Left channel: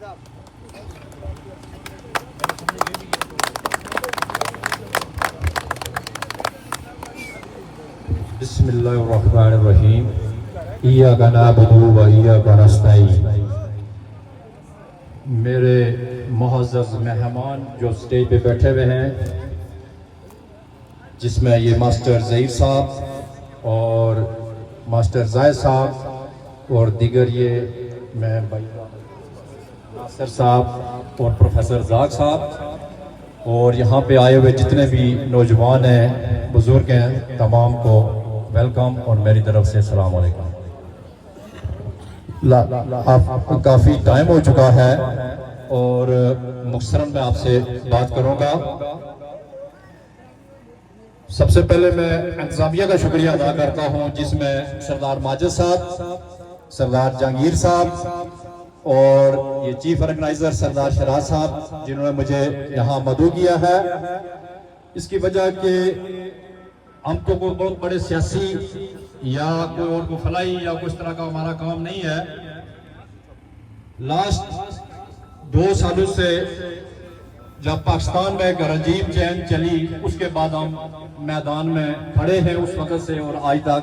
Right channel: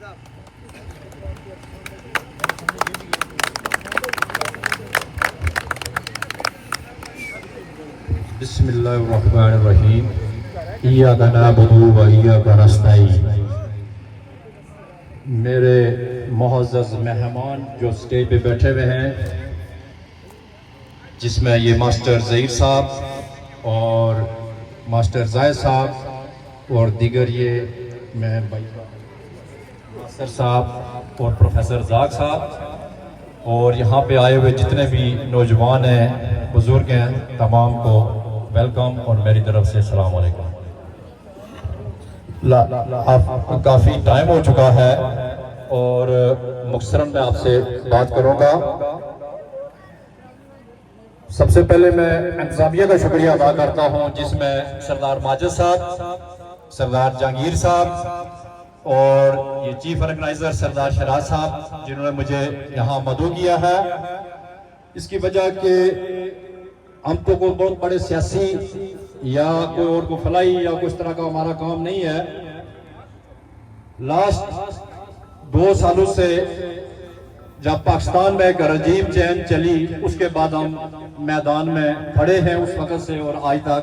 بسم اللہ الرحمن الرحیم ایاک نعبد و ایاک نستعین۔ میرے معزز مہمان جو اسٹیج پہ بیٹھے ہوئے ہیں، جس میں یہ ماسٹر ظہیر صاحب اور ماسٹر زاہد صاحب اور دیگر یہ میں بھائی ناصر صاحب اور پروفیسر زاک صاحب اور یہاں پہ آئے ہوئے جتنے بھی نوجوان ہیں، بزرگ ہیں، تمام کو ویلکم اور میری طرف سے السلام علیکم۔ کافی ٹائم ہو چکا ہے اور مختصراً میں آپ سے بات کروں گا۔ سب سے پہلے میں انتظامیہ کا شکریہ ادا کرتا ہوں، جس میں سردار ماجد صاحب، سردار جہانگیر صاحب اور یہ چیف آرگنائزر سردار شراز صاحب جنہوں نے مجھے یہاں مدعو کیا ہے۔ اس کی وجہ کہ ہم تو کوئی بہت بڑے سیاسی یا کوئی اور کو فلاحی یا کوئی اس طرح کا ہمارا کام نہیں ہے۔ لاسٹ 2 سالوں سے جب پاکستان میں ایک رجیم چینج چلی، اس کے بعد ہم میدان میں کھڑے ہیں اس وقت سے اور آج تک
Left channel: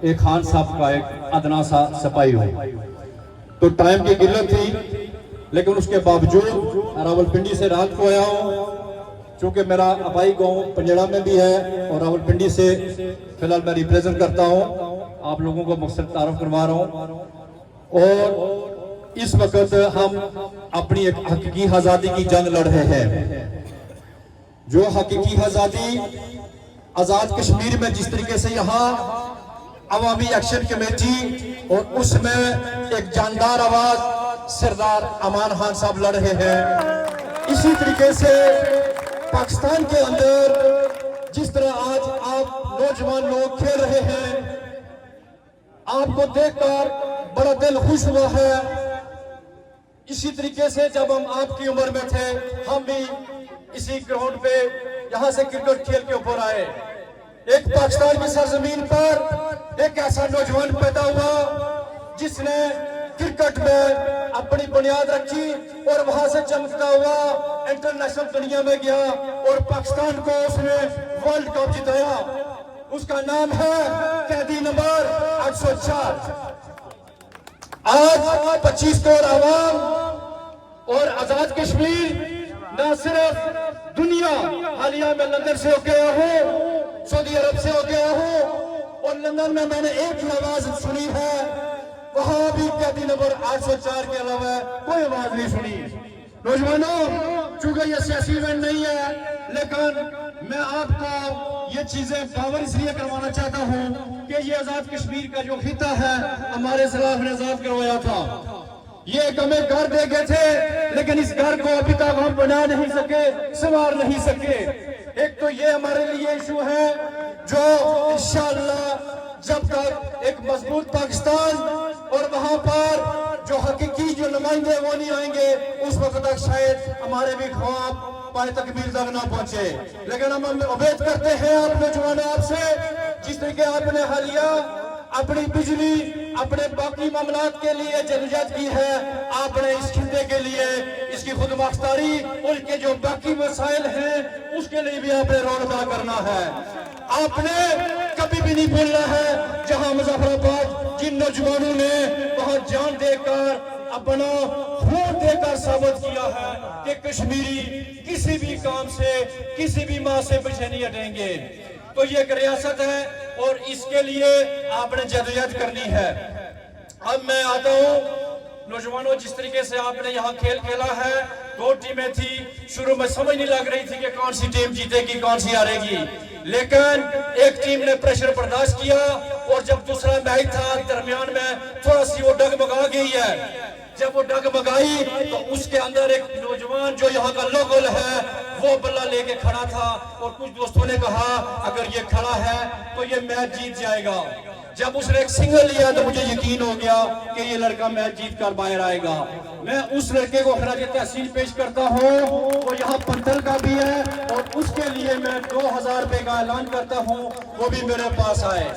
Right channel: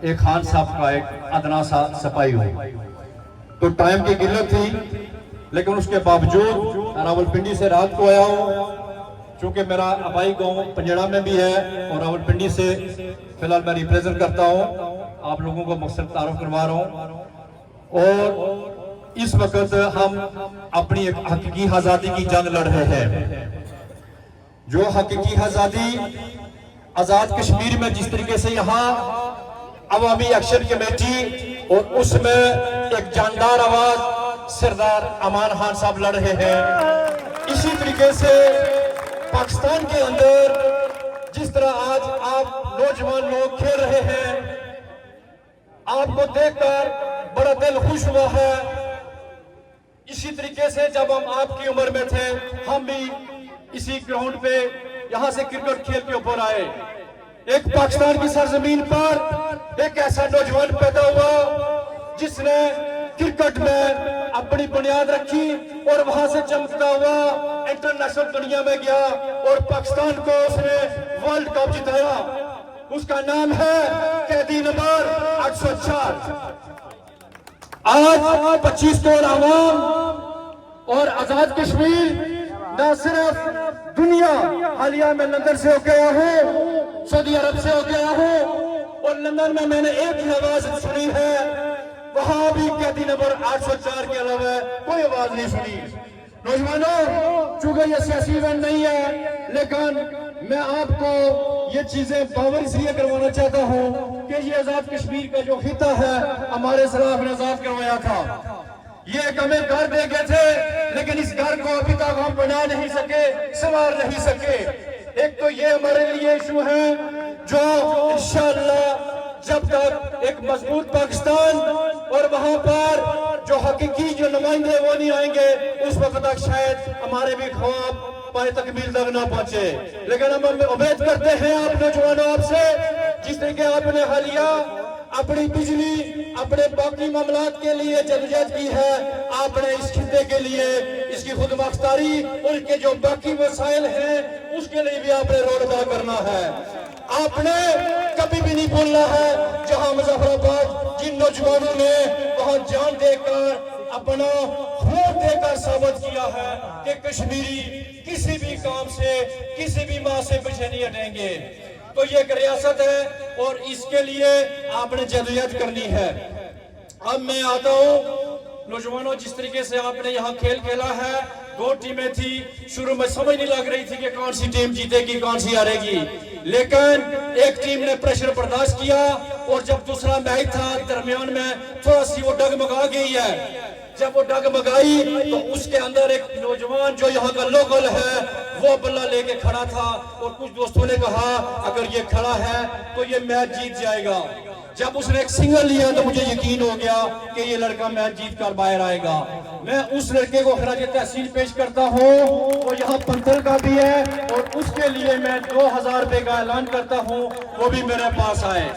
ایک خان صاحب کا ایک ادنا سا سپاہی ہوئی تو ٹائم کی قلت تھی، لیکن اس کے باوجود راولپنڈی سے رات کو آیا ہوں، چونکہ میرا آبائی گاؤں پنجڑا میں بھی ہے اور راولپنڈی سے فی الحال میں ریپریزنٹ کرتا ہوں، آپ لوگوں کو مختصر تعارف کروا رہا ہوں۔ اور اس وقت ہم اپنی ایک حقیقی آزادی کی جنگ لڑ رہے ہیں، جو حقیقی آزادی آزاد کشمیر میں جس طریقے سے یہاں عوامی ایکشن کمیٹی اور اس میں ایک جاندار آواز سردار امان خان صاحب لڑ رہے ہیں، اسی طریقے سے پاکستان کے اندر جس طرح آج آپ نوجوان لوگ کھیل رہے ہیں، آپ کو دیکھ کر بڑا دل خوش ہوا ہے۔ اسی طریقے سے جب ہم آپ کی عمر میں تھے، ہم بھی اسی گراؤنڈ پہ یہاں سے کرکٹ کھیل کے اوپر آئے۔ ایک پاکستان کی سرزمین پر ایک ایسا نوجوان پیدا ہوا جس نے کرکٹ میں اپنی بنیاد رکھی اور وہاں سے چمکتا ہوا انٹرنیشنل دنیا میں گیا اور پاکستان کو اس نے ورلڈ کپ جتایا۔ اس کا نام ہے قیدی نمبر 804۔ آج 25 کروڑ عوام اور آزاد کشمیر نہ صرف دنیا، حالیہ میں لندن سے ہو کے آیا ہوں، سعودی عرب سے ہو کے آیا ہوں اور لندن میں نے ایک ہی آواز سنی ہے، وہاں بھی قیدی نمبر 804 کے علاوہ کوئی آواز نہیں سنی۔ نوجوانوں، چونکہ یہ سیاسی ایونٹ نہیں ہے، لیکن میں آپ کو یہ چیزیں باور اس لیے کروانا چاہتا ہوں کہ یہ آزاد کشمیر کا جو خطہ ہے ہمارے سلاف نے آزاد کروایا تھا۔ یہ ایک ہمیں گھر دے گئے تھے، لیکن اس گھر کو ابھی تک ہم بنا نہیں سکے، سنوار نہیں سکے۔ ایک تو یہ ہمارے لیے ایشو ہے جو انشاءاللہ جب تک ایک مضبوط پاکستان اور وہاں پر جو حقیقی جو نمائندے وہ نہیں آئیں گے، اس وقت تک شاید ہمارے بھی خواب پائے تکمیل تک نہ پہنچے۔ لیکن ہم امید کرتے ہیں آپ نوجوانوں آپ سے، جس طریقے آپ نے حالیہ اپنی بجلی اپنے باقی معاملات کے لیے جدوجہد کی ہے، آپ نے اس خطے کے لیے اس کی خود مختاری اور کے جو باقی مسائل ہیں اس کے لیے بھی آپ نے رول ادا کرنا ہے۔ آپ نے کبھی بھی نہیں بھولنا ہے جہاں مظفر آباد جن نوجوانوں نے وہاں جان دے کر اپنا خون دے کر ثابت کیا ہے کہ کشمیری کسی بھی کام سے کسی بھی ماں سے پیچھے نہیں ہٹیں گے۔ تو یہ ایک ریاست ہے اور اس کے لیے آپ نے جدوجہد کرنی ہے۔ اب میں آتا ہوں نوجوانوں، جس طریقے سے آپ نے یہاں کھیل کھیلا ہے، 2 ٹیمیں تھی، شروع میں سمجھ نہیں لگ رہی تھی کہ کون سی ٹیم جیتے گی کون سی ہارے گی، لیکن ایک ٹیم نے پریشر برداشت کیا اور جب دوسرا میچ تھا درمیان میں تھوڑا سی وہ ڈگمگا گئی ہے۔ جب وہ ڈگمگائی تو اس کے اندر ایک نوجوان جو یہاں کا لوکل ہے وہ بلہ لے کے کھڑا تھا اور کچھ دوستوں نے کہا اگر یہ کھڑا ہے تو یہ میچ جیت جائے گا۔ جب اس نے ایک سنگل لیا تو مجھے یقین ہو گیا کہ یہ لڑکا میچ جیت کر باہر آئے گا۔ میں اس لڑکے کو خراج تحسین پیش کرتا ہوں، وہ یہاں پنتل کا بھی ہے اور اس کے لیے میں 2000 روپے کا اعلان کرتا ہوں، وہ بھی میرے پاس آئے۔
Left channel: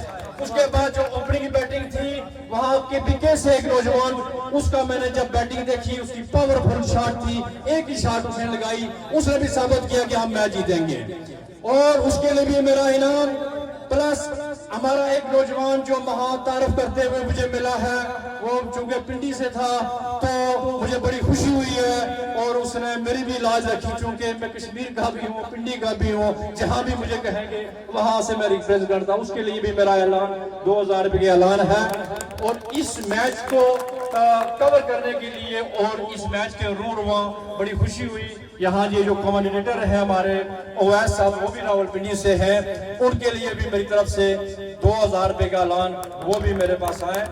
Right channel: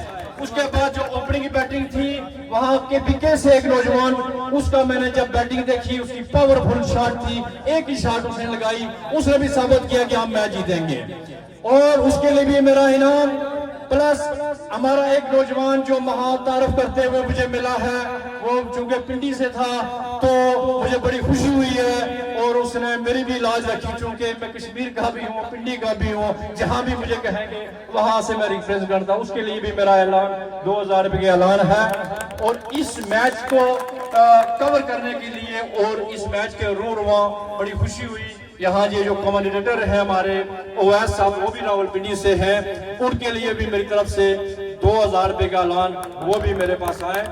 اس کے بعد جو اوپننگ کی بیٹنگ تھی وہاں کے بکے سے ایک نوجوان उसका मैंने जब बैटिंग देखी, उसकी पावरफुल शॉट थी, एक ही शॉट उसने लगाई, उसने भी साबित किया कि हम मैच जीतेंगे। और उसके लिए भी मेरा इनाम प्लस हमारा एक नौजवान जो महातारफ करते हुए मुझे मिला है, वो चूंकि पिंडी से था तो मुझे बड़ी खुशी हुई है, और उसने मेरी भी लाज रखी, चूंकि मैं कश्मीर का भी हूँ, पिंडी का भी हूँ, जहां भी मुझे कहेंगे वहां से मैं रिप्रेजेंट करता हूँ। उसके लिए भी मेरा ऐलान 2000 रुपये का ऐलान है। और इस मैच को कवर करने के लिए और इस मैच के रूरवा बड़ी खुशी हुई। यहाँ ये जो कमेंटेटर हैं हमारे ओवैस साहब, वो भी रावलपिंडी से हैं, उनके लिए भी मेरी तरफ से 2000 रुपये का ऐलान, वो भी मेरे पास आए।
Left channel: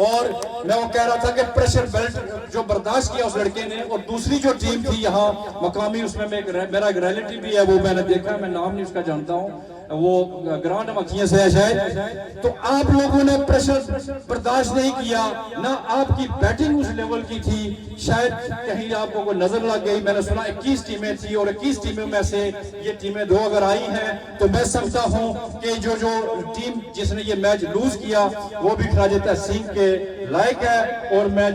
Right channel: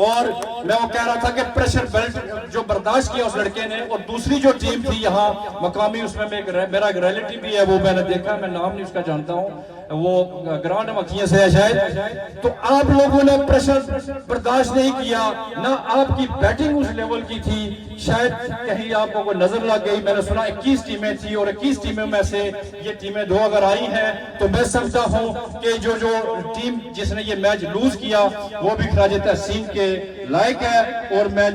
और मैं वो कह रहा था कि प्रेशर बेल्ट जो बर्दाश्त किया उस लड़के ने, और दूसरी जो टीम थी यहाँ मकामी, उसमें मेरा एक रिलेटिव भी है, वो मैंने देखा, मैं नाम नहीं उसका जानता हूँ, वो ग्राउंड मखिया से है शायद। तो आप लोगों ने प्रेशर बर्दाश्त नहीं किया, ना आपकी बैटिंग उस लेवल की थी, शायद कहीं आपको कोई नजर लग गई। मैंने सुना 21 टीमें थी, और 21 टीमों में से ये टीमें 2 अगर आई हैं तो मैं समझता हूँ कि जो टीम जिसने ये मैच लूज किया वो भी खराज तहसीन के लायक है। और मैं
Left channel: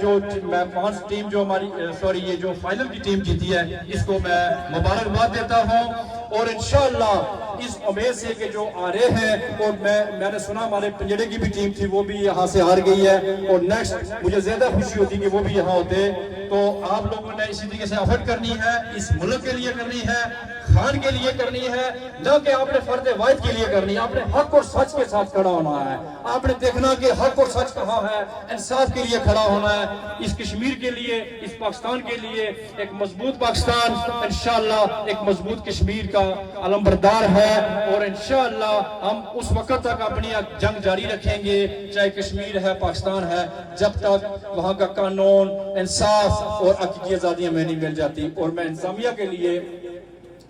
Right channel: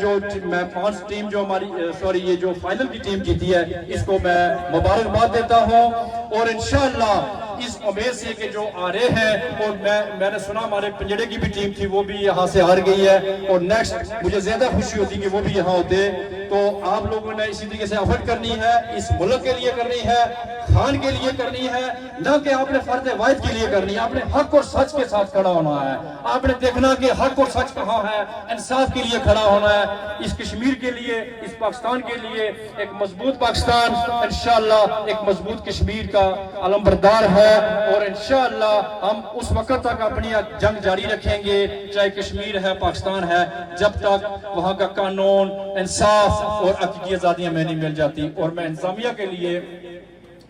5 टीम जो हमारी ये जो फाइनल की टीम जीती है, इसको मैं मुबारकबाद देता हूँ। और इंशाअल्लाह इस उम्मीद से कि जो आ रहे हैं, और मैंने सुना हमारे पंजड़े की भी टीम थी, वो भी यहाँ से हार गई है, और नेक्स्ट मुझे ज्यादा खुशी होती कि वो भी यहाँ होते। तो आप लोगों ने इसी तरीके से एफर्ट करनी है, इस मुल्क के लिए करनी है, खान के लिए करनी है, न कि आपने फर्ज वाहिद के लिए करनी है। आपने हक और सच के साथ खड़ा होना है, आपने देखना कि हक और सच कहाँ है, इंसाफ के लिए खड़ा होना है। इस कश्मीर के लिए, इस पाकिस्तान के लिए एक मजबूत पाकिस्तान, इंशाअल्लाह एक मजबूत कश्मीर का अलमबरदार है। और इंशाअल्लाह हम उस वक्त तक अपनी जंग जारी रखेंगे, चाहे कश्मीर है, पाकिस्तान है, जब तक वहाँ का कानून, इंसाफ और हकीकी आजादियां में नहीं मिल जाती। और मैं इंतजामिया के लिए,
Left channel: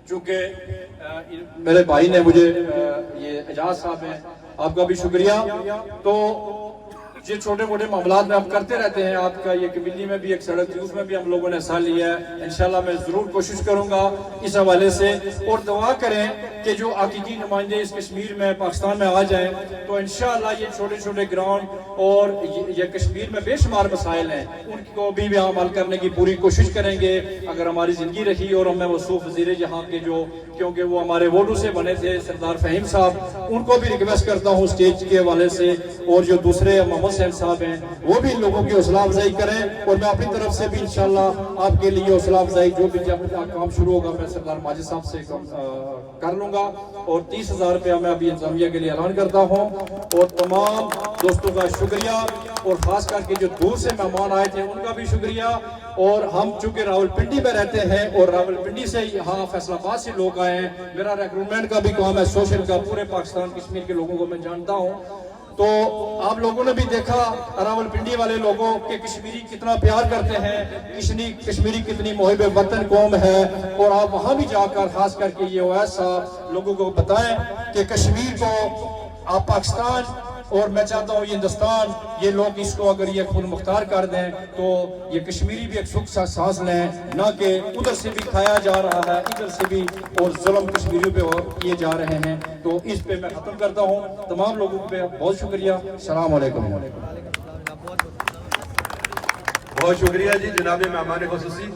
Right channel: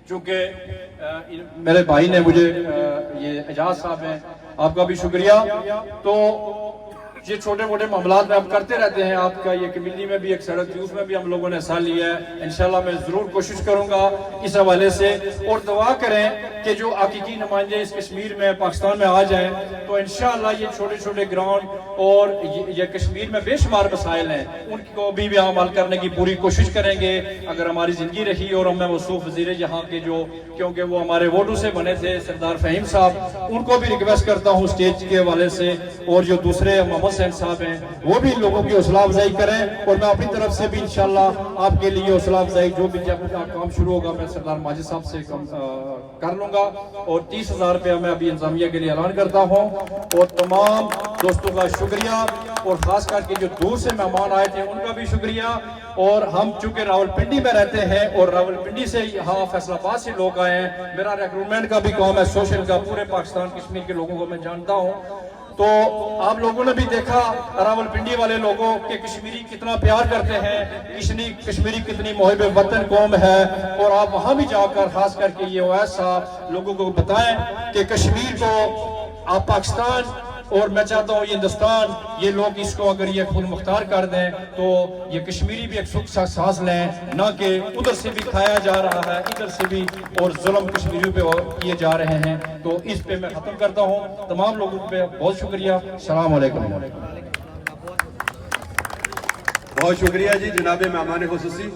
चूंकि मेरे भाई ने मुझे ये एजाज साहब हैं, आपका भी शुक्रिया। तो ये छोटे मोटे मामलात में हम करते रहते हैं। आपका ये कमिटी में भी एक सड़क थी, उसमें भी हम लोगों ने हिस्सा लिया है। इंशाल्लाह मैं जरूर कोशिश करूंगा इस हवाले से, और दुआ करें कि जो हकीकी नुमाइंदे इस कश्मीर में, पाकिस्तान में आ जाएं, तो इंशाल्लाह ये छोटे छोटे ग्राउंड और ये कश्मीर में बेशुमार मसाइल हैं, उनको भी हम हल करने की पूरी कोशिश करेंगे अगर हमारी जिंदगी रही। और हमें मौसूफ वजीर यहाँ के जो, क्योंकि वो हमारे वोटों से बने थे, सरदार फहीम साहब, उनको भी रिक्वेस्ट करता हूँ स्टेज के हवाले से, और जो दूसरे मोहम्मद साहब हैं वो भी लोगों की हौसला अफजाई करें। और मैं अपनी तरफ से भी इंशाल्लाह आपके लिए हौसला अफजाई, जो भी जब काम शुरू होगा, मैं सरदार माजिद साहब से कर लूंगा। और 30,000 रुपया मैं अभी इंतजामिया के लिए ऐलान करता हूँ। और तमाम दोस्तों का शुक्रिया, और खास करके जो दूर से मेहमान आए थे उनका भी शुक्रिया। और हम चूंकि रावलपिंडी में रहते हैं, और रावलपिंडी से यहाँ फैसलाबाद से लोग आए हैं, मेरा रिक्रूटमेंट का भी काम है, सोशल का, पूरे पाकिस्तान कश्मीर के लोगों को मैं जानता हूँ। तो आप लोगों ने भी देखा रावलपिंडी वाले लोगों के कश्मीरी कितना प्यार करते हैं, कश्मीरी कितनी मुहिब वतन कौम है। और आप वहां भी जाकर खास करके ये ओवैस साहब लोगों को बताएं कि कश्मीर को आप पाकिस्तान, और मैं चाहता हूँ ये हिंदुस्तान, ये लोग इसको अगर ये खुद मुख्तार कर दें तो ये कश्मीरी भी एक सुख सा सांस लें, ना कि उधर से भी खाया जा रहा है, इधर से भी और जुल्म कश्मीरियों पे किए जा रहे हैं। तो इस पे मैं खत्म करता हूँ। तमाम लोगों पे बहुत शुक्रिया। अस्सलाम वालेकुम। बहुत शुक्रिया जी जनाब मेहमान खुसूसी।